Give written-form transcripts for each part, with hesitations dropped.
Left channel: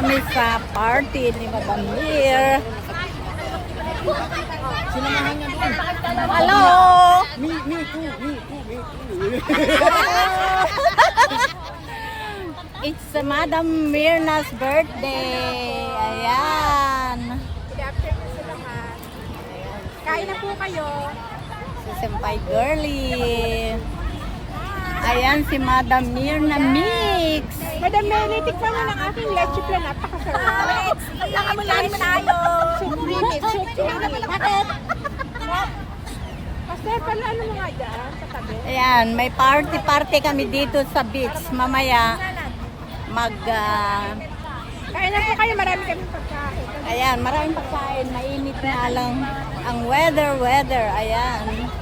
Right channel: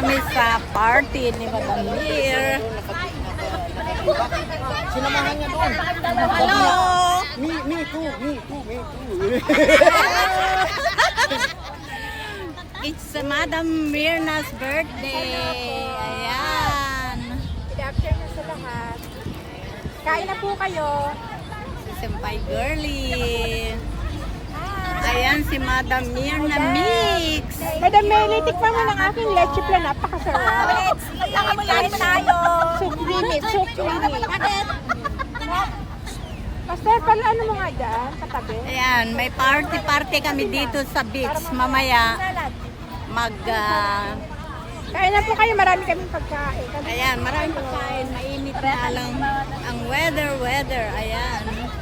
kami sa party ni Madam Lear. Sinamahan niya doon. Hello! Me too. It's Madam Mirna's birthday. Ayan. Good afternoon sa lahat. Kain na po kayo. Si Senpai Girlie. Ayan si Madam Mirna Mix. Madam Mary, tikman mo ng aking leche plan. Napakasarap. Nakamulahin mo tayo. Bakit? Master, pala ano mo nga dyan? Katabi? Ayan, may party kami dito sa beach. Mamaya Kain na po kayo. Marami kami pagkain. ayan, maraming pagkain. Mainit nga lang ang weather. Ayan.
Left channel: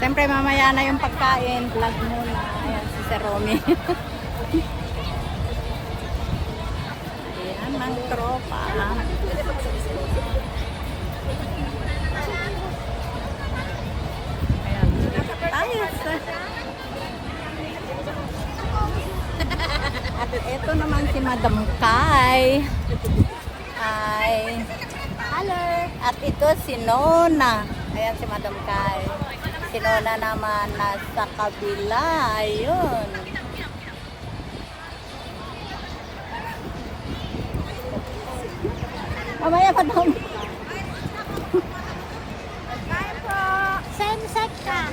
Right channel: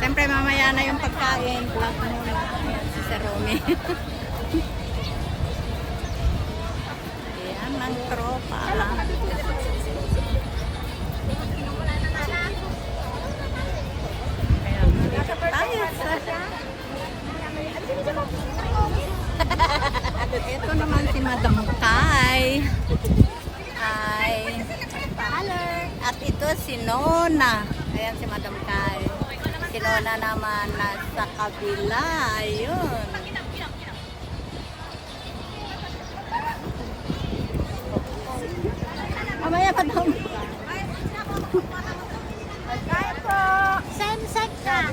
Siyempre mamaya na yung pagkain. Vlog muna. Ayan si Sir Romy. Ayan ang tropa. Ayan, dito tayo sa... At ito naman si Madam Kai. Ay. Hello. At ito si Nona. Ayan si Madam Kai. Si Nona naman nasa kabila. Ayun. Mamaya pa daw. Kain po. Same set ka.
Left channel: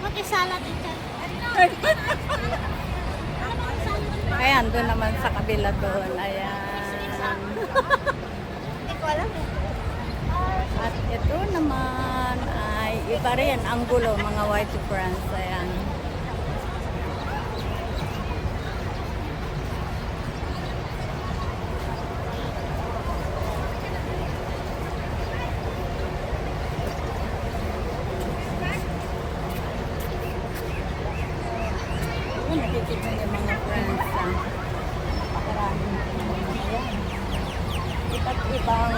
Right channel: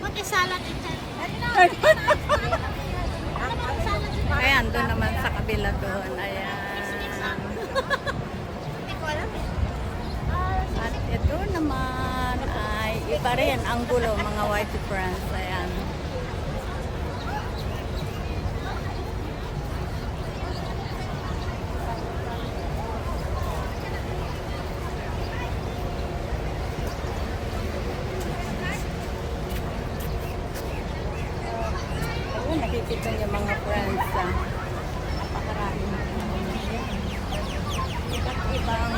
Mag-isalat ito. Ayan, doon naman sa kabila doon. Ayan. At ito naman ay iba rin ang gulo, mga white friends. Ayan. Ayun, nakikita niyo mga friends. Napakaraming mga ayan. Iba't ibang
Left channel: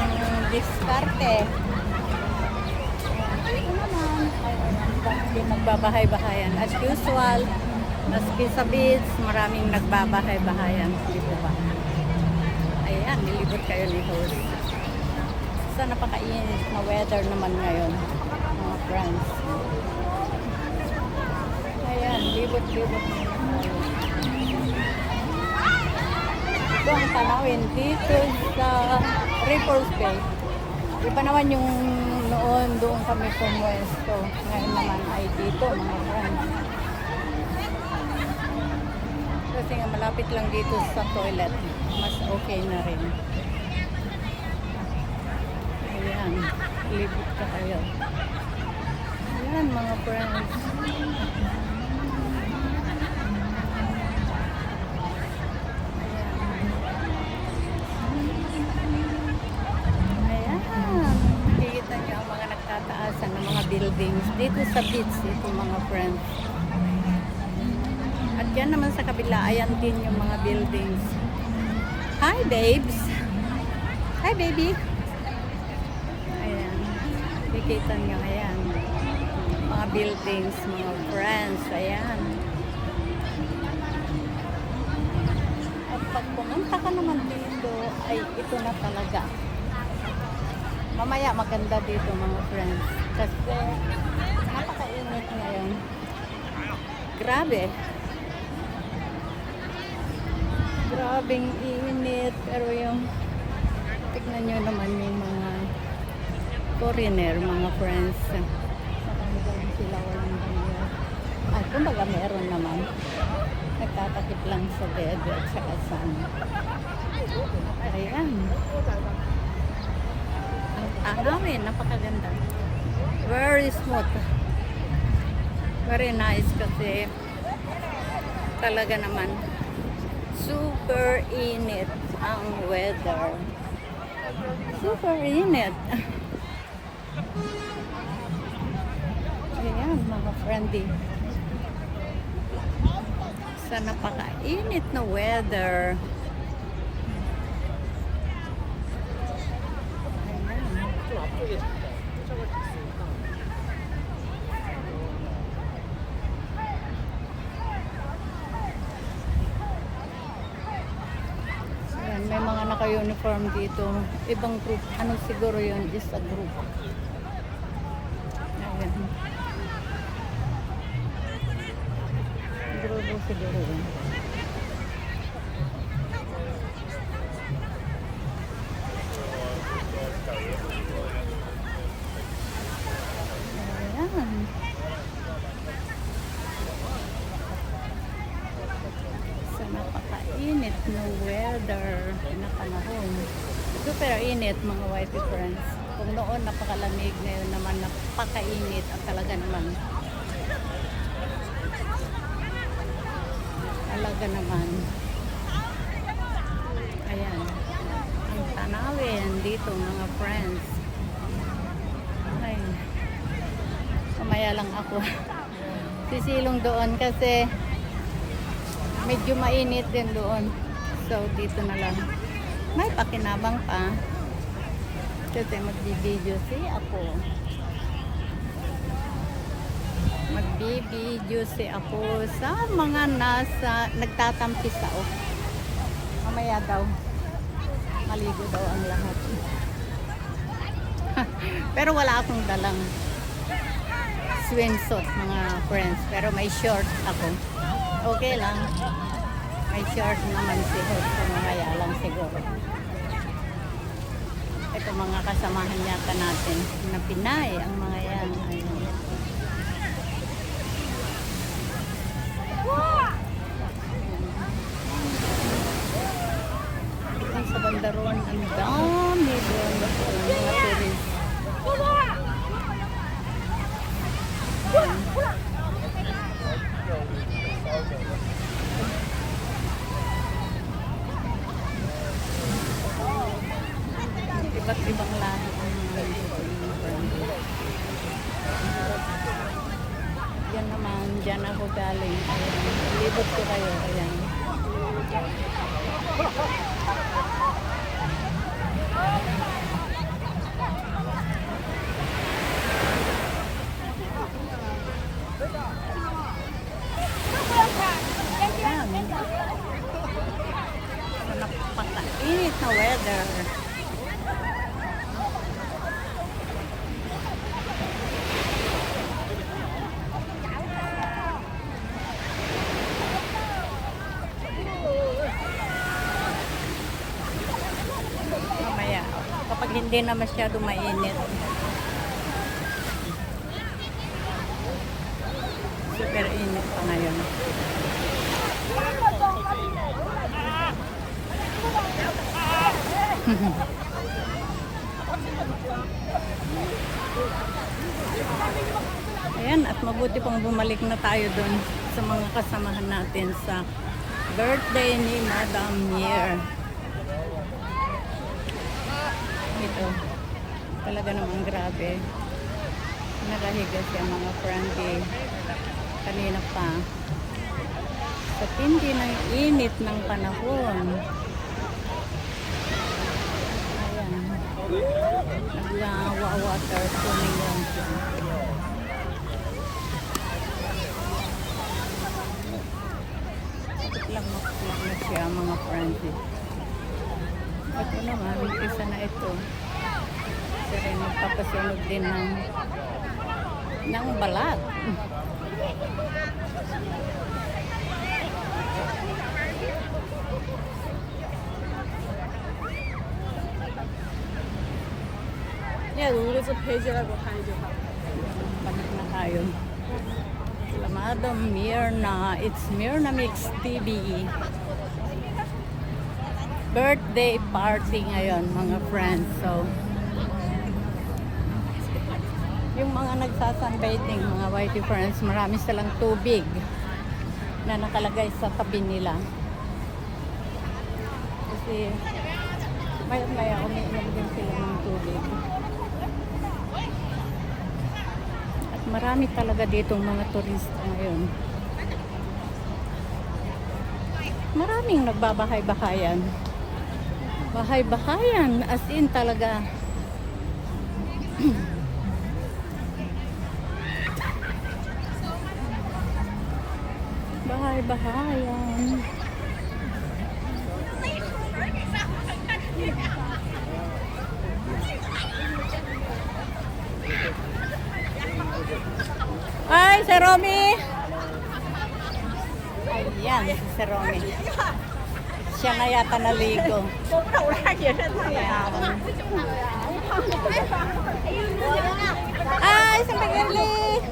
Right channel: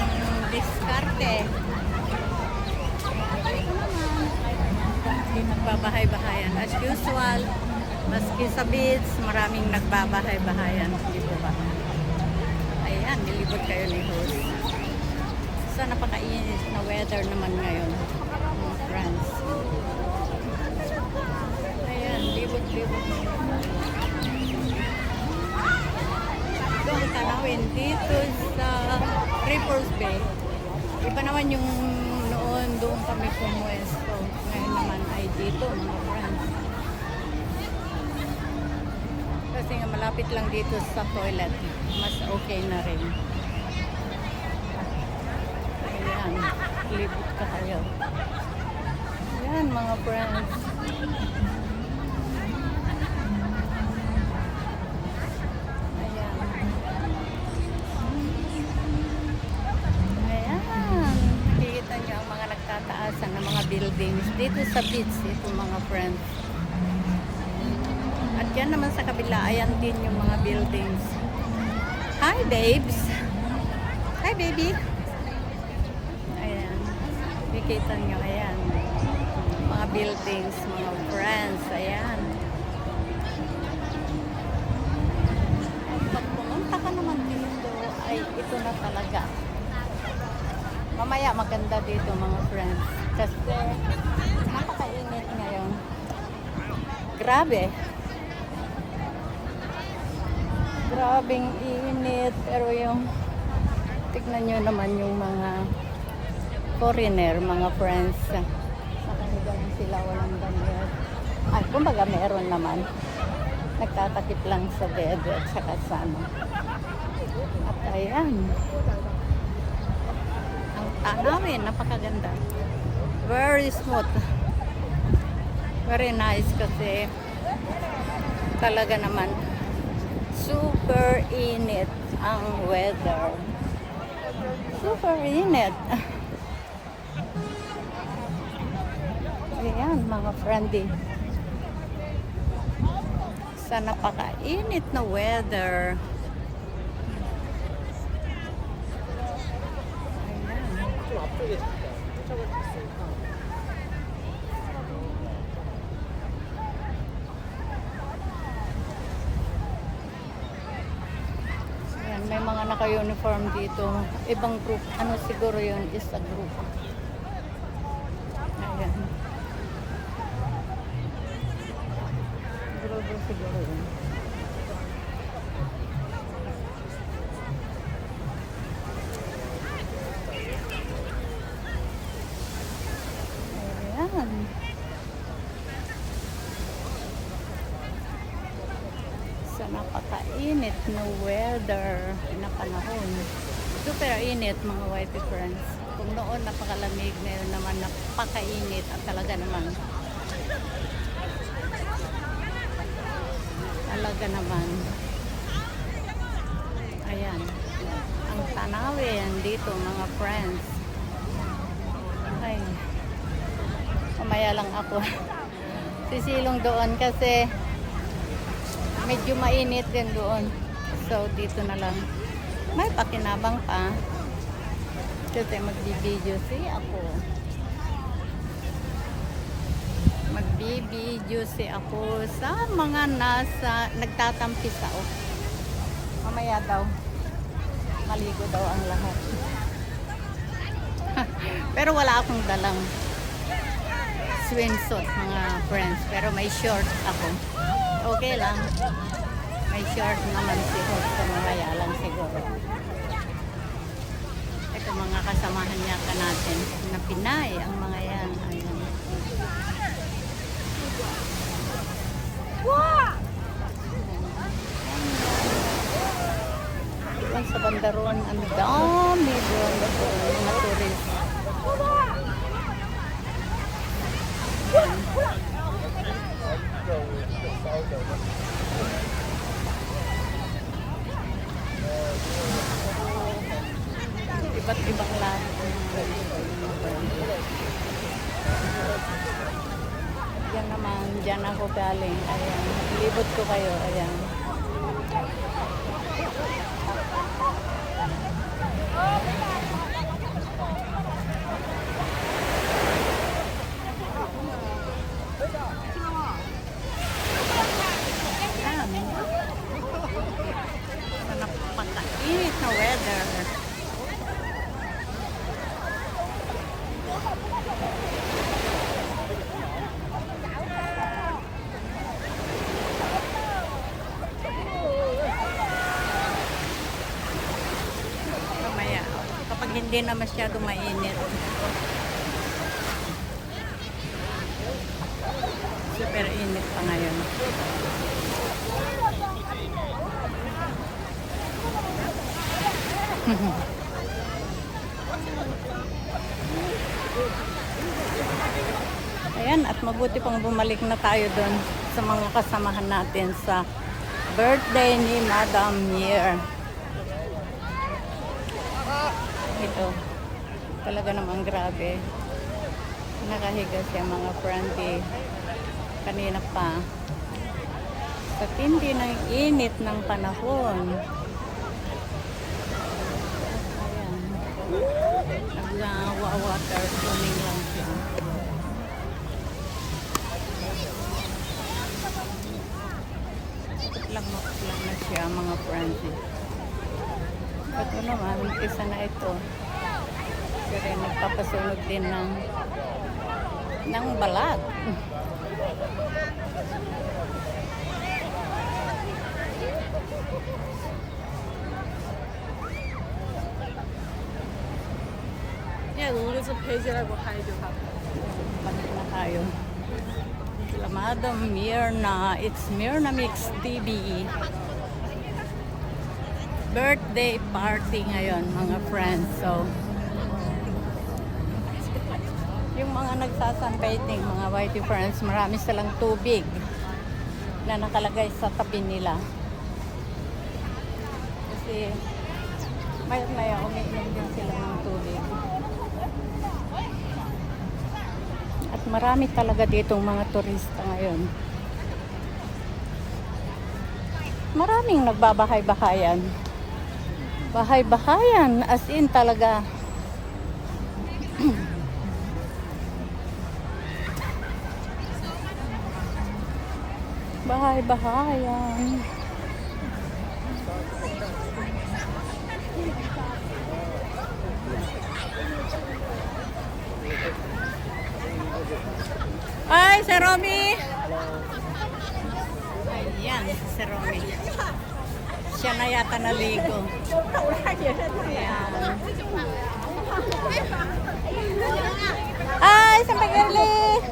diskarte. Ayan, dito naman ay ayan, dahil nagbabahay-bahayan. As usual, maski sa beach, maraming nagbabahay-bahayan. Di po ba? Ayan, nilibot kayo ni host. So, napakainit na weather naman ngayon, mga friends. Ayan, libot-libot muna tayo. Ito ang tanawin dito sa Ripples Bay. Iba naman yung noon doon kami pumuesto. Ngayon naman ay dito, mga friends. Kasi nga malapit lang dito sa toilet. Mas okay na rin. Ayan, libot ka kayo. Ayan, mga friends. Tataasan ng mga buildings dito sa beach, ito mga friends. At yan naman sa kabila, ayan din yung mga buildings. Hi babes! Hi baby! Ayan, kikita nyo, ayan. Mga buildings, mga friends, ayan. At pag pumunta ka naman dito, ay ito na talaga. Mamaya maganda dito mga friends. Kasi napakainit ngayon. Grabe. Grabing init. Pero yung tignan nyo naman yung mga foreigner, mga friends. Sa kanilang sila walang damit. Ah, kumbaga meron naman. Nagtatakip lang sa dede at sa kasama. At ayan. Tanawin, napakaganda. Very smooth. Very nice kasi talaga naman super init ang weather. Super init. Ayan, mga friendly. Sa napakainit na weather. naka-uniform dito. Ibang group. Ano siguro yun? Is a group. Ayan. Grupo siguro yun. Ayan. Sa napakainit na weather na panahon. Super init mga whitey friends. Kung noon napakalamig, ngayon naman napakainit at talaga naman. Talaga naman. Ayan. Ang tanawin dito mga friends. Ay. Mamaya lang ako. Sisilong doon kasi medyo mainit din doon. So dito na lang. May pakinabang pa. Kasi magbibideo ako. Magbibideo ako sa mga nagtatampis ako. Mamaya daw. Maligo daw ang lahat. Pero wala akong dalang swimsuit mga friends. Pero may short ako. Okay lang. May short naman si Host. So mamaya lang siguro. Ito mga kasamahan yata natin na Pinay. Ang mga yan. Ayan. Doon sa bandaron. Ang dami doon. Mga tourist. Ayan. Iba't ibang lahi ang mga nandito mga friends. At yan naman, dyan ako galing. Ayan, libot ko kayo. Ayan. Ayan. Sa napakainit na weather. Mamaya, kapag hindi na masyado mainit. Super init pa ngayon. Ayan, at mabuti pang bumalik na tayo doon sa mga kasamahan natin sa birthday ni Madam Mier. Ito, talaga namang grabe. Nakahiga siya mga friendly kanina pa. Sa tindi ng init ng panahon. Ayan. Nagwa-water swimming lang siya. Kapit lang mapula na siya mga friendly. Ito naman, isa na ito. Kasi magpapasunog din ng balat. Yeah, 我们这次陪起来给我看一句话。 Balik na tayo. Sila Madam Mirna. It's Mirna Mix TV. Birthday party ngayon mga friends. So, yung mga nagsasunbathing, mga whitey friends, marami silang tubig na nakalagay sa tabi nila. Kasi maya umiinom din sila ng tubig. At marami talaga ditong mga turista ngayon. Maraming nagbabahay-bahayan. Bahay-bahayan, as in talaga. Bahay-bahayan. Ay, si Romy! Ayan, si Romy. Siya na yata naligo. Ayan. Ay, sa Pagali!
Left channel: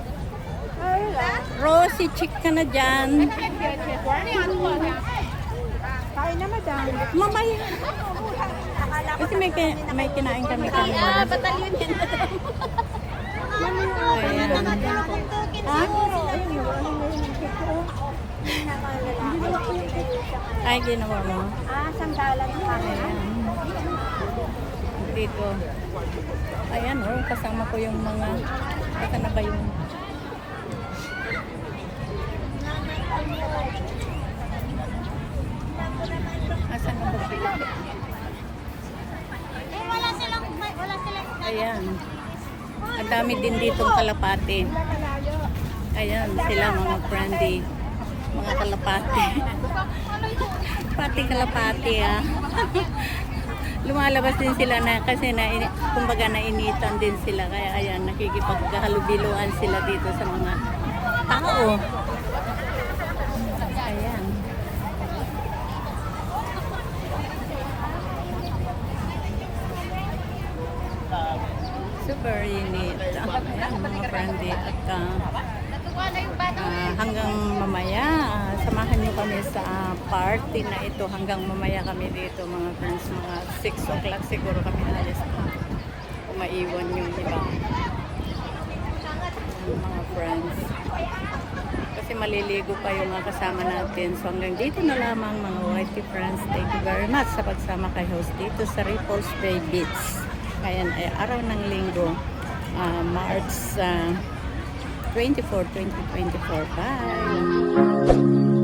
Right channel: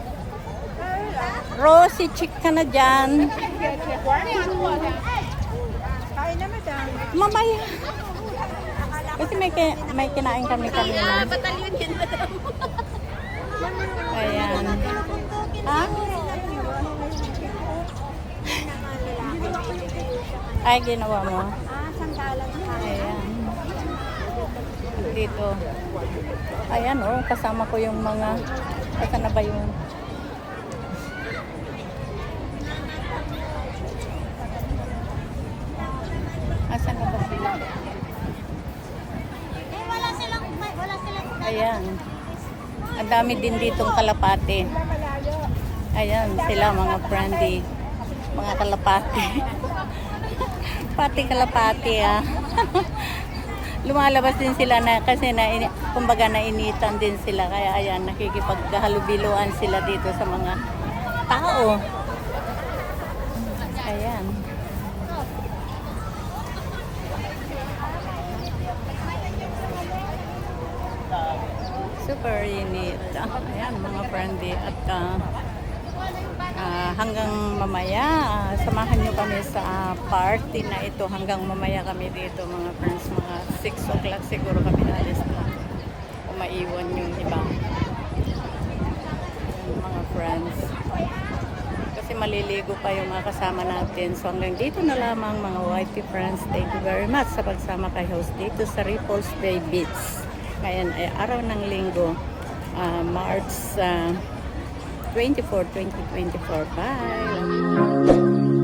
Rosie, chick ka na dyan. Kain na madam. Mamaya. Kasi may kinain kami kanina. Ayan. Ha? Ayun, nawala na yung cake ko. Ginawa ko yung cake. Ay, ginawa mo. Sandalan. Ayan. Dito. Ayan, oh. Kasama ko yung mga... Asa na ba yung... Asa na ba sila? Ayan. Ang dami din ditong kalapate. Ayan, sila mga friendly. Mga kalapate. Pati kalapate, ah. Lumalabas din sila na kasi kumbaga nainitan din sila. Kaya ayan, nakikipaghalubiluan sila dito sa mga tao. Ayan. Super unique. Ayan, mga friendly. At hanggang mamaya, samahan nyo kami sa party na ito. Hanggang mamaya kami dito, mga friends. Mga 6 o'clock siguro kami alis dito. O maiwan yung iba. Ayan, mga friends. Kasi maliligo pa yung mga kasama natin. So hanggang dito na lamang, mga whitey friends. Thank you very much sa pagsama kay host dito sa Ripples Bay Beach. Ngayon ay araw ng linggo, March 24, 2024. Bye!